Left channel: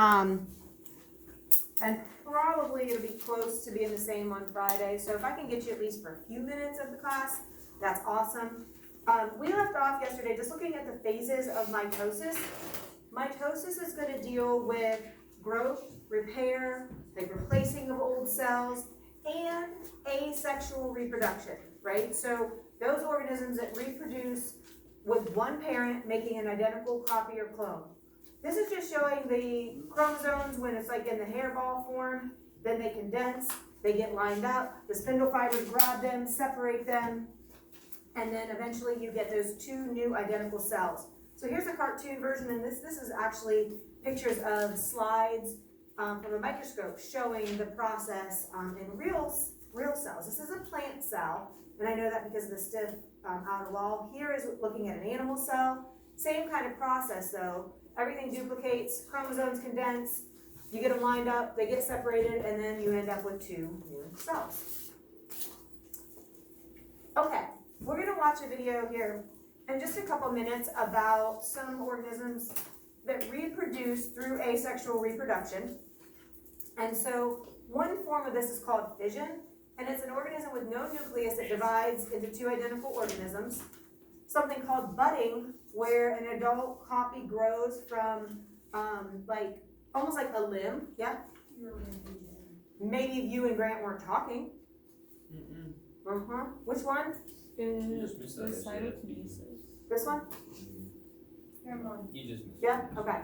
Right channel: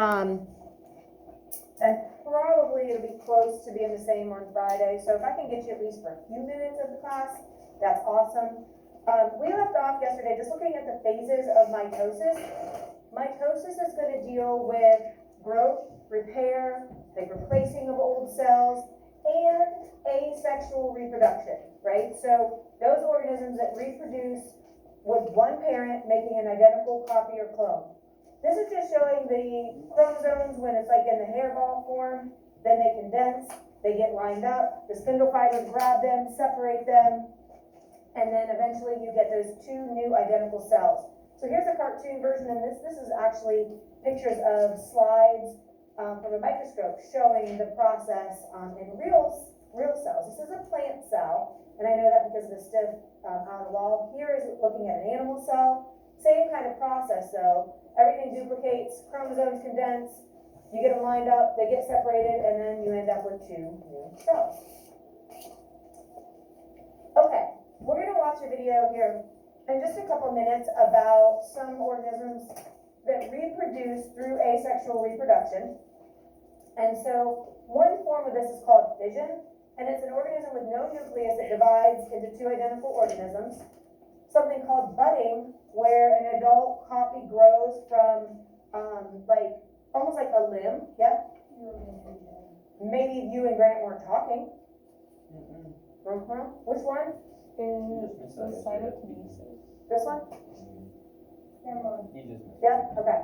And probably it'll be close to being the same on Friday, so if I can get you at least for a few minutes of the class, that's awesome. We left off yesterday just looking at the phases of mitosis. Mitosis is going to deal with growth, repair, the replacing of old cells, and asexual reproduction, right? So those organisms that reproduce with one parent making an identical copy or clone. This is just showing the chromosomes when it's like in the hairball form, then they condense, they get lined up, the spindle fibers grab them, separate them, and then eventually you get those two new identical cells. So here's a cartoon version, and this is actually pictures of slides from a microscope showing the process in real cells. This is a plant cell, and I know that because of the stiff outer wall. Here is looking at an animal cell. Same kind of process though. Everything duplicates, chromosomes condense, you get them lined up, they get separated, and then you end up with two new cells. Okay, we're going to watch a video here in just a couple minutes about some organisms that reproduce through asexual reproduction. And so one form of this is called fission, and it's an organism with no nucleus that divides into two identical organisms. Something called budding, where an adult copy grows from almost like a limb. Yeah? Maybe you and Grant weren't talking. Which one? Cytokinesis. This one? You just missed. Yeah? Okay.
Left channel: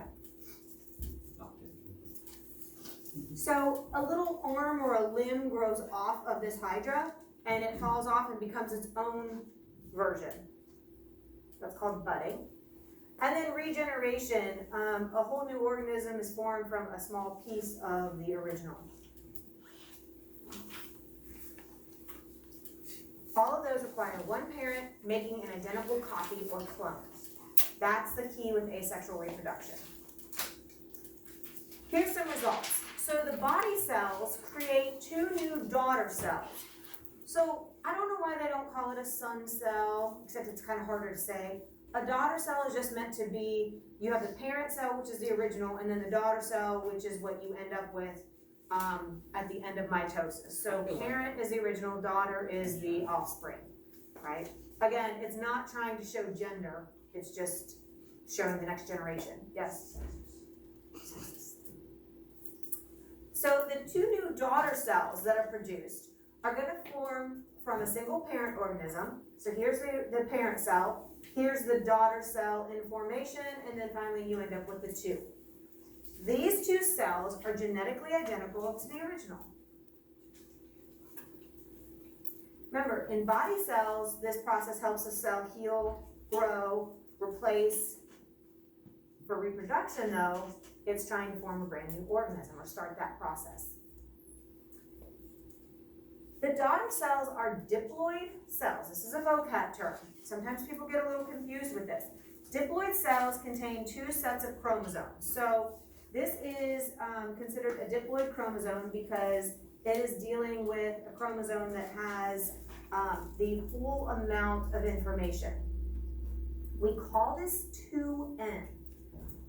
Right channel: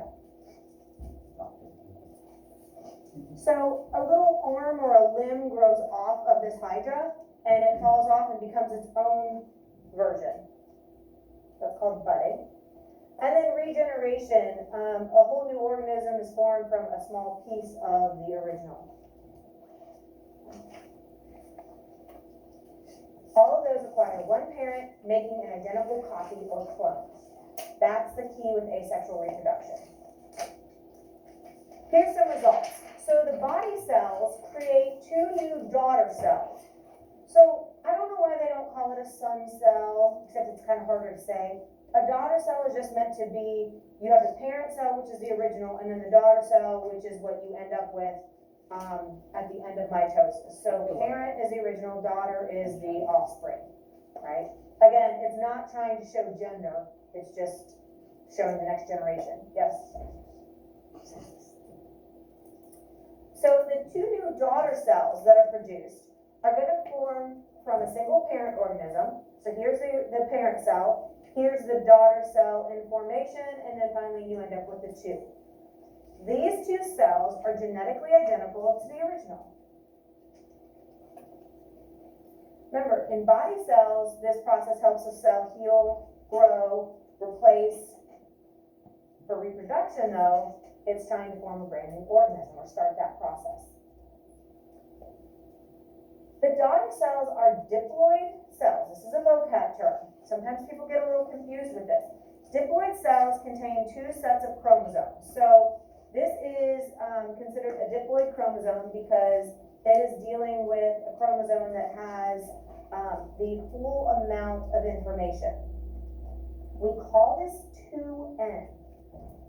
So a little arm or a limb grows off of this hydra, and it falls off and becomes its own version. That's called budding. And then regeneration, a whole new organism is formed from a small piece of the original. All of those require one parent making an identical copy or clone. That's the key with asexual reproduction. Here's some results. So the body cells create two new daughter cells. So I don't know why they don't call it a son cell, except it's kind of harder to say. A daughter cell is just meant to be, you have the parent cell, which is the original, and then the daughter cell, which is what you end up with at the end of mitosis. So parent is the original, daughter is the offspring, right? Again, it's not trying to show gender, it's just showing the next generation. Yes? So the two new daughter cells that are produced are going to form from a single parent organism. So here's the parent cell, here's the daughter cell in formation, and then finally you end up with the two. These two cells are genetically identical to the original. Remember, in body cells, this process helps a cell heal, grow, replace. For reproduction, though, it's trying to form a brand new organism or start that process. The daughter cells are diploid cells. This is a vocab term. Sometimes people get a little confused with this. Diploid cells contain two sets of chromosomes. So this is considered a diploid chromosome because it is dealing with a chromosome that has the full amount of information. We call this 2N.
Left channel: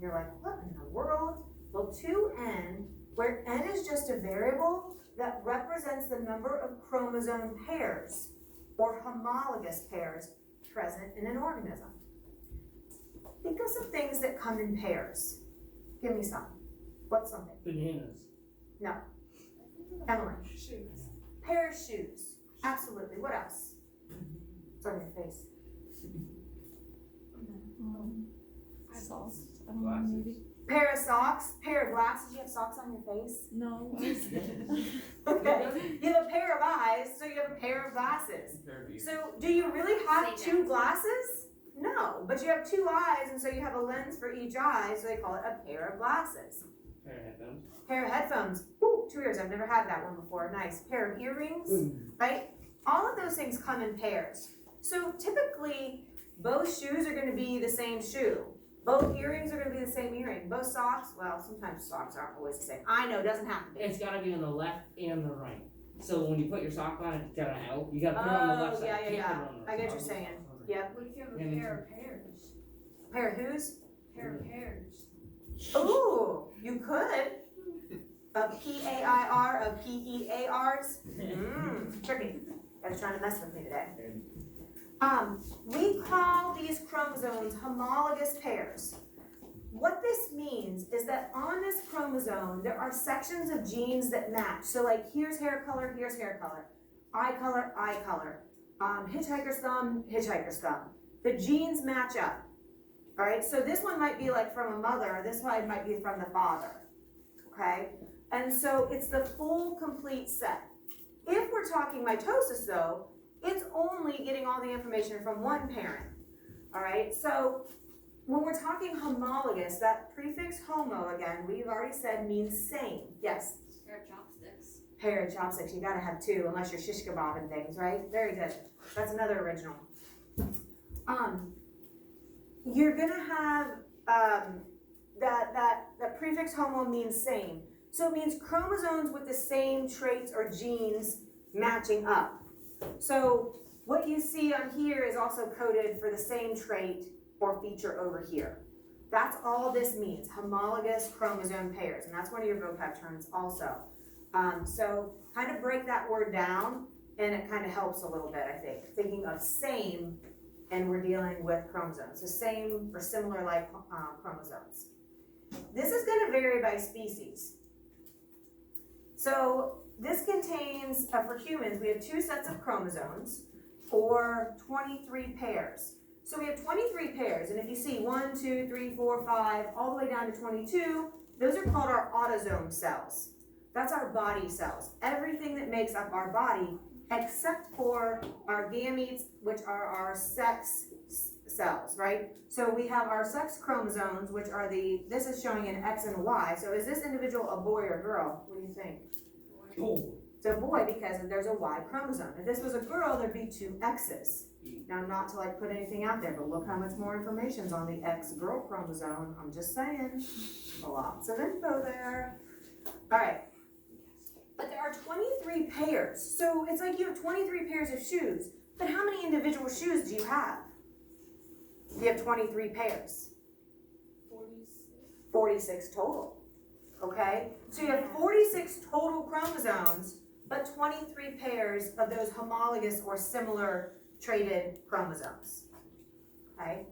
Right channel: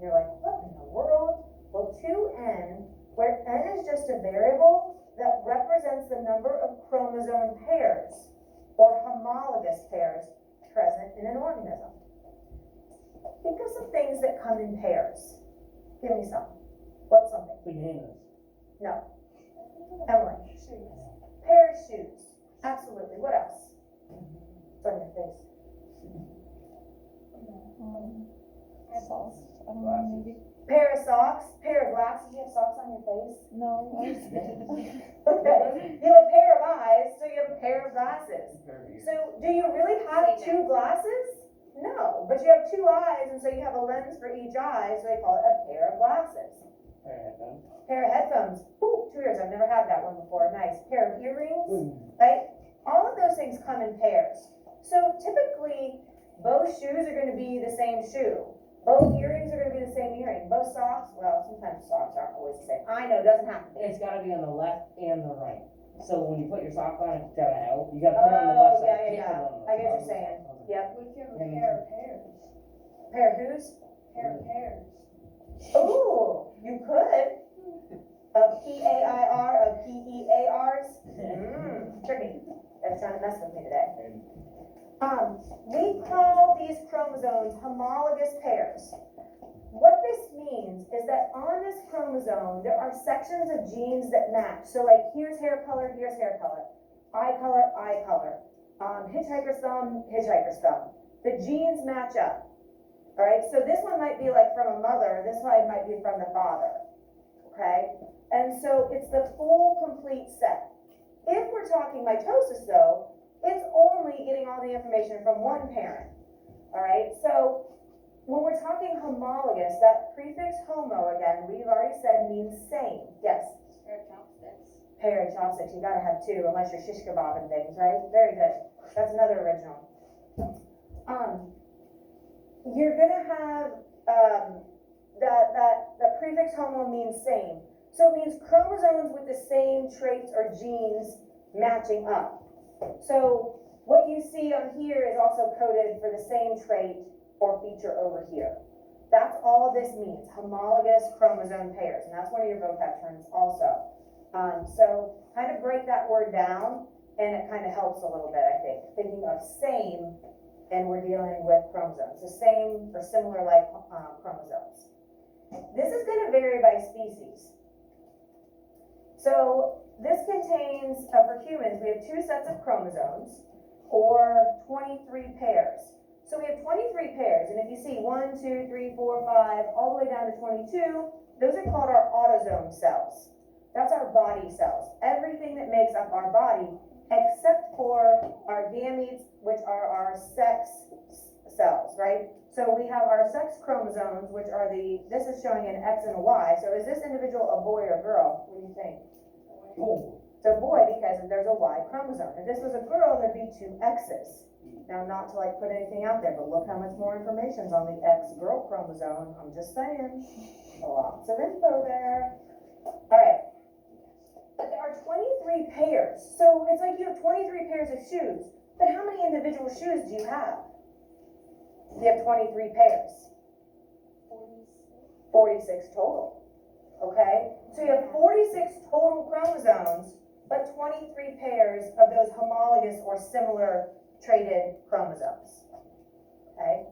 You're like, what in the world? Well, 2N, where N is just a variable that represents the number of chromosome pairs or homologous pairs present in an organism. Think of some things that come in pairs. Give me some. What's something? Bananas. No. Emily. Shoes. Pair of shoes. Absolutely. What else? It's on your face. Eyeballs. I don't know, maybe. Pair of socks. Pair of glasses. You have socks on your face? No. Okay. You have a pair of eyes, so you have a pair of glasses. So do you really have two glasses? No, but you have two eyes, and so you have a lens for each eye, so they call it a pair of glasses. Pair of headphones. Pair of headphones. Ooh, 2 ears. I've never had that one before. Nice. Pair of earrings, right? All of those things come in pairs. So typically, both shoes are going to be the same shoe. Both earrings are going to be the same earring. Both socks, well, sometimes socks aren't always the same. I know, it doesn't have to be. It's got to be on the left and the right. So when you put your sock on, it's got to help. You got to put it on the left side. Yeah. I get what you're saying. Yep. What if you have a pair of pears? Pair of whose? Pair of pears. Ooh, you could. A PAIR, a PEARs. Tricky. That's trying to mess with me today. We call these chromosomes homologous pairs. What this means is that on this chromosome, there are sections of genes that match. So like, here's hair color, eye color, hitchhiker's thumb, hitchhiker's thumb. The genes match up, all right? So this one might be like from a mother, this one might be from the father, okay? And so it's the full, complete set. If we're talking mitosis though, it's only getting all the information from one parent, all right? So when we're talking homologous, that prefix homo, again, we've already said means same. Yes? Pair of chopsticks. Pair of chopsticks, you gotta have two, unless you're shish kebab and things, right? Very good. That's another original. You're gonna have, that prefix homo means same. So it means chromosomes with the same traits or genes matching up. So what you see on here is also coded for the same trait or feature over here. That's all this means, homologous chromosome pairs, and that's one of your vocab terms also. So kind of break that word down, and it kind of helps a little bit, I think. Thinking of same, and we're dealing with chromosomes. So same or similar like chromosomes. This is going to vary by species. So this contains, for humans, we have 2 sets of chromosomes, or 23 pairs. So we have 23 pairs, and if you see 1, 2, 3, 4, 5, all the way down to 22, those are called our autosome cells. That's our body cells. Everything that makes up our body, except for our gametes, which are our sex cells, right? So we have our sex chromosomes, which are this is showing an X and a Y. So is this individual a boy or girl? What do you think? Boy. So boy, because there's a Y chromosome. If this was a girl, there'd be 2 X's. Now, not to like put anything out there, but look how much more information's on the X girl chromosome. I'm just saying, lots of info there. All right, but there are 23 pairs. So it's like you have 23 pairs of shoes, but how many individual shoes do you have? You have 23 pairs. 46 total, okay? So you have 46 total chromosomes, but 23 pairs of those homologous or similar traded chromosomes, okay?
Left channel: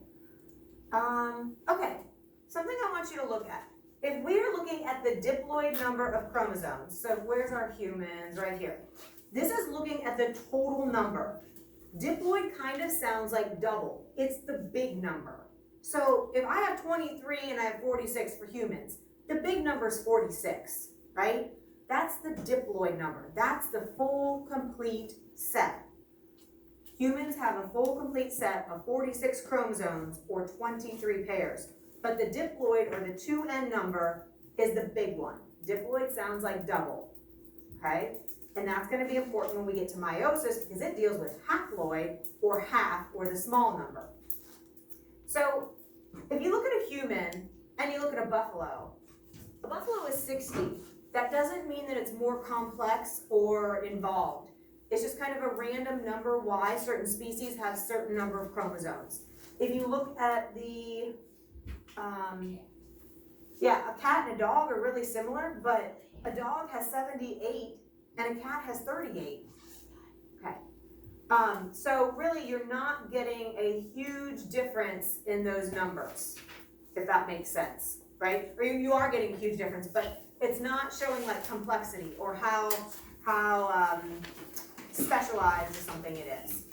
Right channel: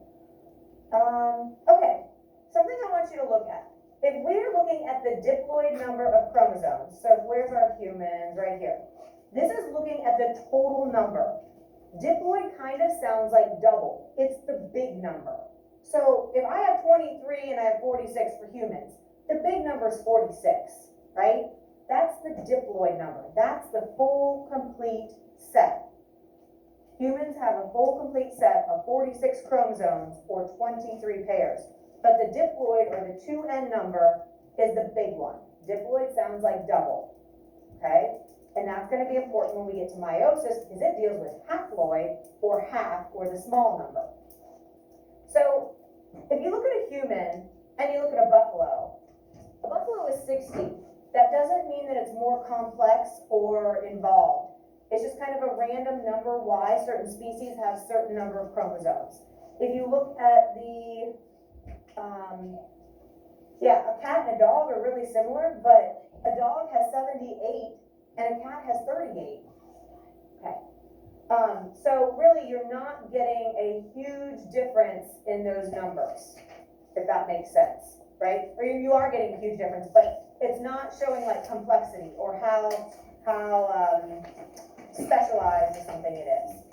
Okay, something I want you to look at. If we're looking at the diploid number of chromosomes, so where's our humans? Right here. This is looking at the total number. Diploid kind of sounds like double. It's the big number. So if I have 23 and I have 46 for humans, the big number is 46, right? That's the diploid number. That's the full, complete set. Humans have a full, complete set of 46 chromosomes, or 23 pairs. But the diploid, or the 2N number, is the big one. Diploid sounds like double, okay? And that's going to be important when we get to meiosis, because it deals with haploid, or half, or the small number. So if you look at a human, and you look at a buffalo is 60. That doesn't mean that it's more complex or involved. It's just kind of a random number why certain species have certain number of chromosomes. If you look at a cat and a dog are really similar, but a dog has 78 and a cat has 38. Okay. So really you're not getting a huge difference in those numbers, if that makes sense, right? Or you are getting a huge difference, but it's not showing like complexity or how specialized or something it is.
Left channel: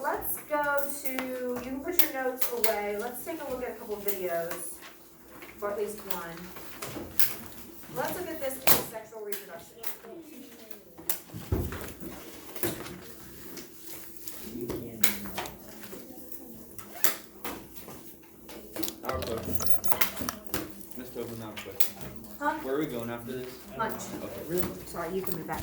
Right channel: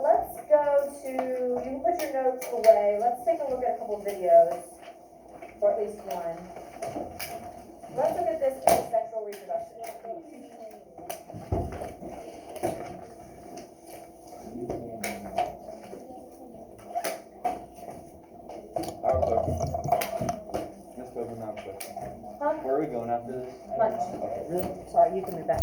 Let's go to, you can put your notes away. Let's take a look at a couple videos, or at least one. Let's look at this asexual reproduction. Our question. Ms. Tobin, our question. Huh? Where are we going after this? Lunch. Okay. Really? Sorry, you can move back.